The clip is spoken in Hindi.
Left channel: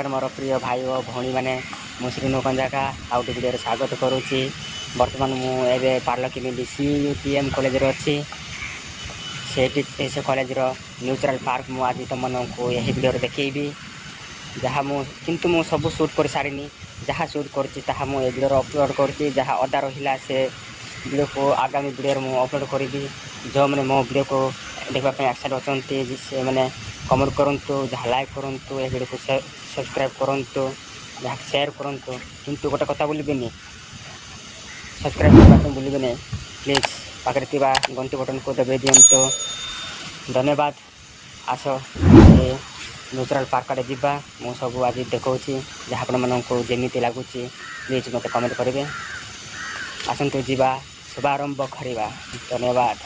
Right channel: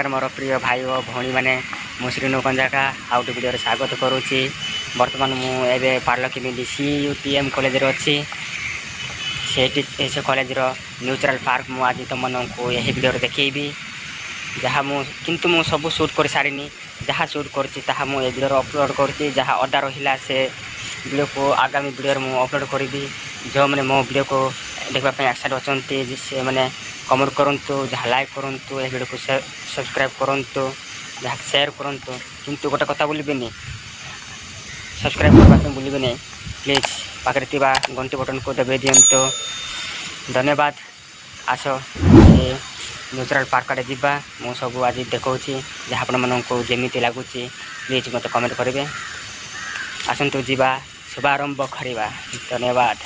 नमस्कार मोर प्रिय भाई और भौणी मैंने मु श्रीनु कंजाका आउट वीडियो स्वागत करुच्ची। बर्तमान मुझे पार्लकी CUTM कॉलेज अच्छी से कॉलेज न्यूट्रल पार्क मुझे आज तुम को यही वीडियो देखी जहाँ किंतु मु सब शूट कर सारी जहाँ शूट कर वीडियो अपलोड कर जहाँ अदा रहा से वीडियो को आगामी वीडियो मुझे अपलोड करी जो मैंने मो वीडियो को देखापी एक्साइट अच्छा से मैंने कमेंट करूँ जहाँ लाइक करूँ ये वीडियो को सब्सक्राइब करूँ जहाँ शेयर करूँ किंतु गोटे कथा भूलें सब्सक्राइब करने भूलें प्लीज पाखे घंटी बटन को दबे दिंतु। धन्यवाद। आस न्यूट्रल पार्क आड़े जावा मु सब आज देखा जहाँ आपण को जमी लगुच प्लीज मत कमेंट करेंगे। आसतु जावा शुभारंभ करवा। धन्यवाद।